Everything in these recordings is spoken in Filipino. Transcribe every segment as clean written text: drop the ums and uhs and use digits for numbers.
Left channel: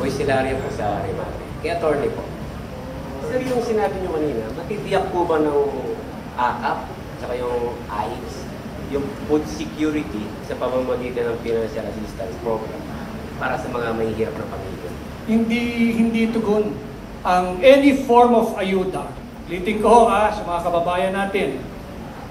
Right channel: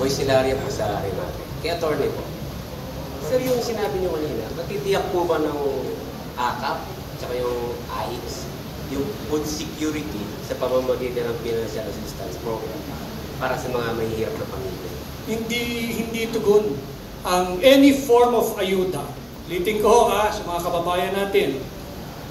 Boy Silaria po sa Rimate. Kaya attorney po. Sir, yung sinabi nyo kanina, matitiyak po ba ng AKAP at yung AIX, yung food security sa pamamagitan ng financial assistance program para sa mga mahihirap na pamilya? Hindi tugon ang any form of ayuda. Liting ko sa mga kababayan natin.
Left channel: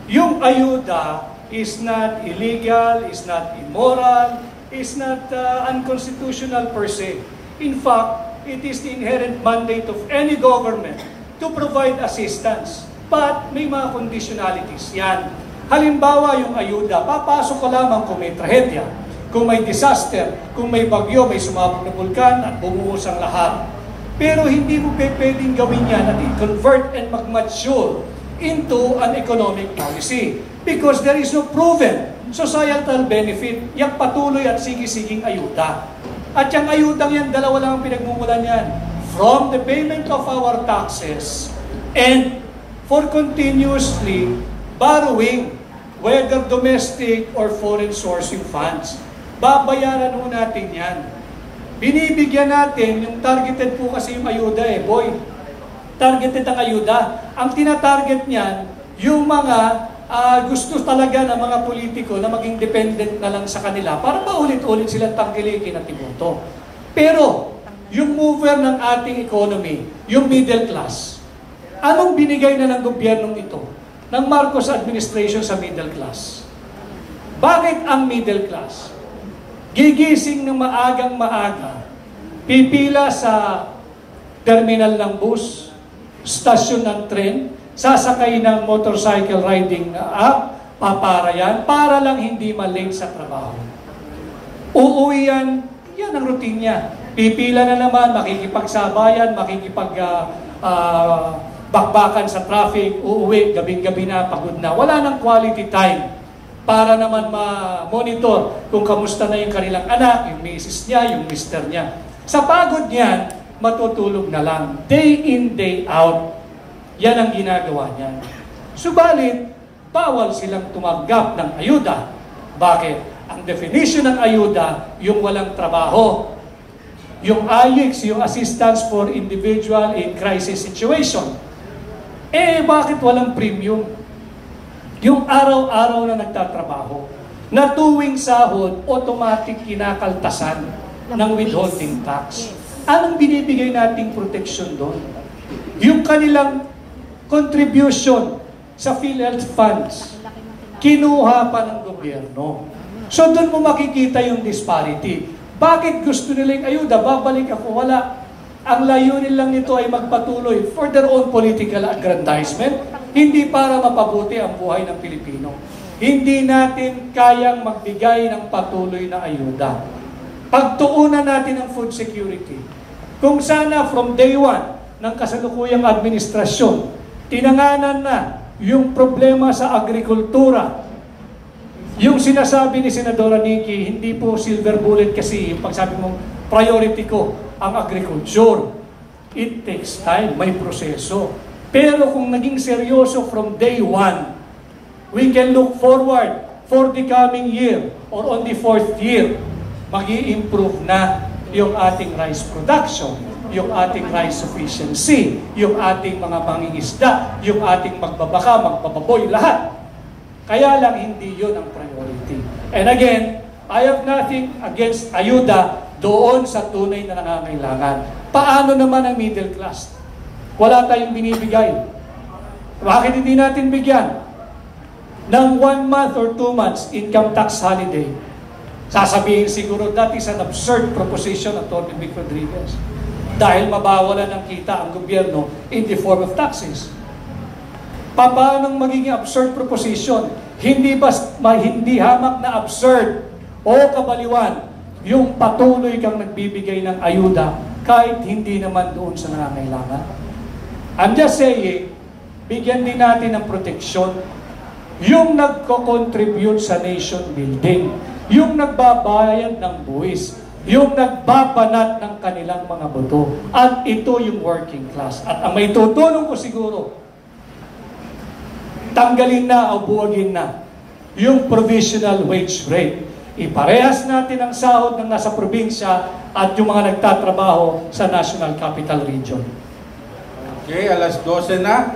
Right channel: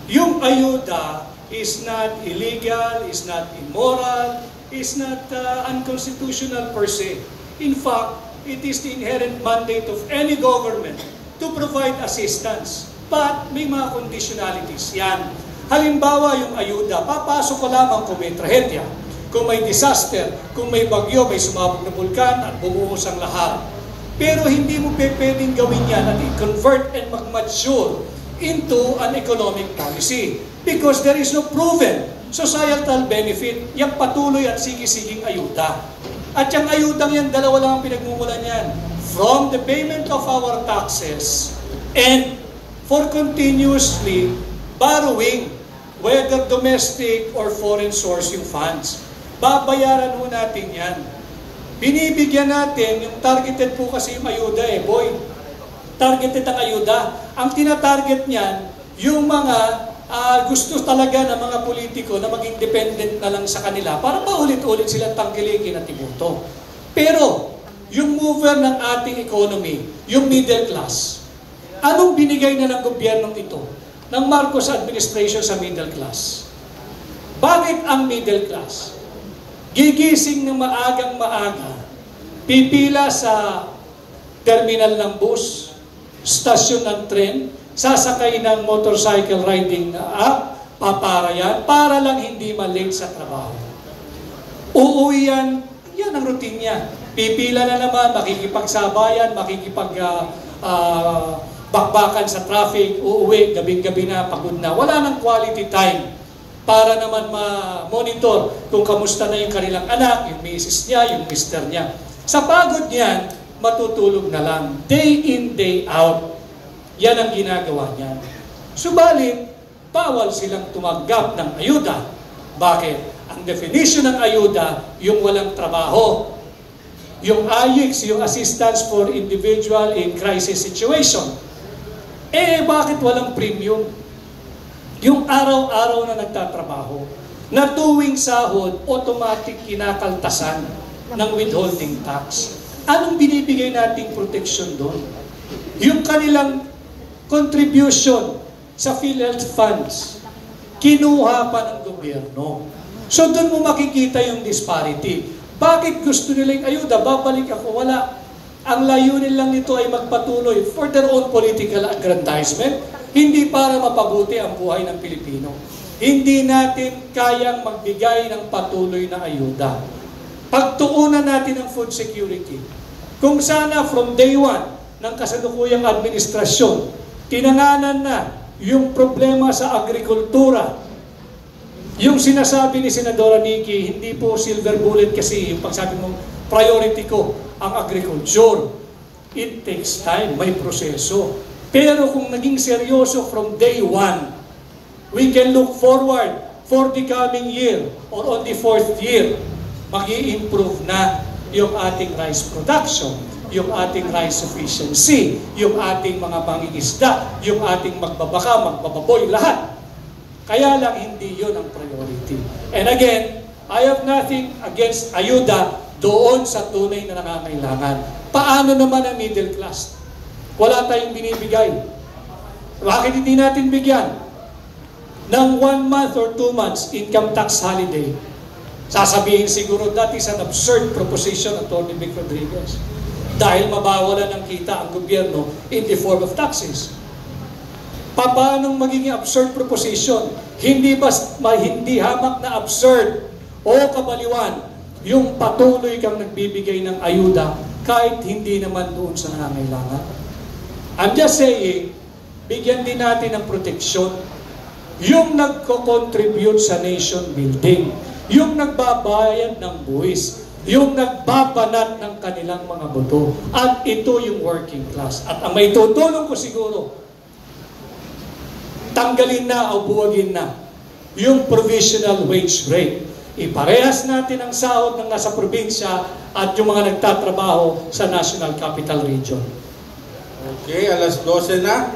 Yung ayuda is not illegal, is not immoral, is not unconstitutional per se. In fact, it is the inherent mandate of any government to provide assistance. But may mga conditionalities yan. Halimbawa, yung ayuda, papasok ka lamang kung may trahedya, kung may disaster, kung may bagyo, may sumabog na bulkan at bumuhos ang lahat. Pero hindi mo pwedeng gawin yan at i-convert and mag-mature into an economic policy because there is no proven societal benefit, yung patuloy at sige-siging ayuda. At yung ayudang yan, dalawa lang ang pinagmumulan yan. From the payment of our taxes and for continuously borrowing, whether domestic or foreign source yung funds. Babayaran mo natin yan. Binibigyan natin, yung targeted po kasi yung ayuda boy. Targeted ang ayuda. Ang tinatarget niyan, yung mga gusto talaga ng mga politiko na maging dependent na lang sa kanila para paulit-ulit silang tangkilikin at iboto. Pero, yung mover ng ating economy, yung middle class, anong binigay na ng gobyernong ito, ng Marcos administration sa middle class? Bakit ang middle class? Gigising ng maagang-maaga, pipila sa terminal ng bus, stasyon ng tren, sasakay ng motorcycle riding app, paparayan, para lang hindi ma-late sa trabaho. Uuwi yan ang routine niya. Pipila na naman, makikipagsabayan, bakbakan sa traffic, uuwi, gabing-gabi na, pagod na. Wala nang quality time para naman ma-monitor kung kamusta na yung kanilang anak, yung misis niya, yung mister niya. Sa pagod niyan, matutulog na lang. Day in, day out. Yan ang ginagawa niya. Subalit, bawal silang tumanggap ng ayuda. Bakit? Ang definition ng ayuda, yung walang trabaho. Yung AIX, yung Assistance for Individual in Crisis Situation. Bakit walang premium? Yung araw-araw na nagtatrabaho, na tuwing sahod, automatic kinakaltasan ng withholding tax. Anong binibigay nating protection doon? Yung kanilang contribution sa PhilHealth funds, kinuha pa ng gobyerno. So doon mo makikita yung disparity. Bakit gusto nila yung ayuda? Babalik ako, wala. Ang layunin lang nito ay magpatuloy for their own political aggrandizement, hindi para mapabuti ang buhay ng Pilipino. Hindi natin kayang magbigay ng patuloy na ayuda. Pagtuunan natin ang food security. Kung sana from day one ng kasalukuyang administrasyon, tinanganan na yung problema sa agrikultura. Yung sinasabi ni Senadora Nikki, hindi po silver bullet kasi yung pagsabi mo, priority ko ang agriculture. It takes time, may proseso. Pero kung naging seryoso from day one, we can look forward for the coming year or on the 4th year, mag-i-improve na yung ating rice production, yung ating rice sufficiency, yung ating mga mangingisda, yung ating magbabaka, magbababoy, lahat. Kaya lang hindi yun ang priority. And again, I have nothing against ayuda doon sa tunay na nangangailangan. Paano naman ang middle class? Wala tayong binibigay. Bakit hindi natin bigyan? Ng 1 month or 2 months income tax holiday. Sasabihin siguro, that is an absurd proposition of Tony Vic Rodriguez. Dahil mabawalan ng kita ang gobyerno in the form of taxes. Paano magiging absurd proposition? Hindi hamak na absurd o kabaliwan yung patuloy kang nagbibigay ng ayuda kahit hindi naman doon sa nangangailangan. I'm just saying, bigyan din natin ng proteksyon yung nagko-contribute sa nation building, yung nagbabayad ng buwis, yung nagbabanat ng kanilang mga boto. At ito yung working class. At ang may tutulong ko siguro, tanggalin na o buwagin na yung provisional wage rate. Iparehas natin ang sahod ng nasa probinsya at yung mga nagtatrabaho sa National Capital Region. Okay, alas 12 na.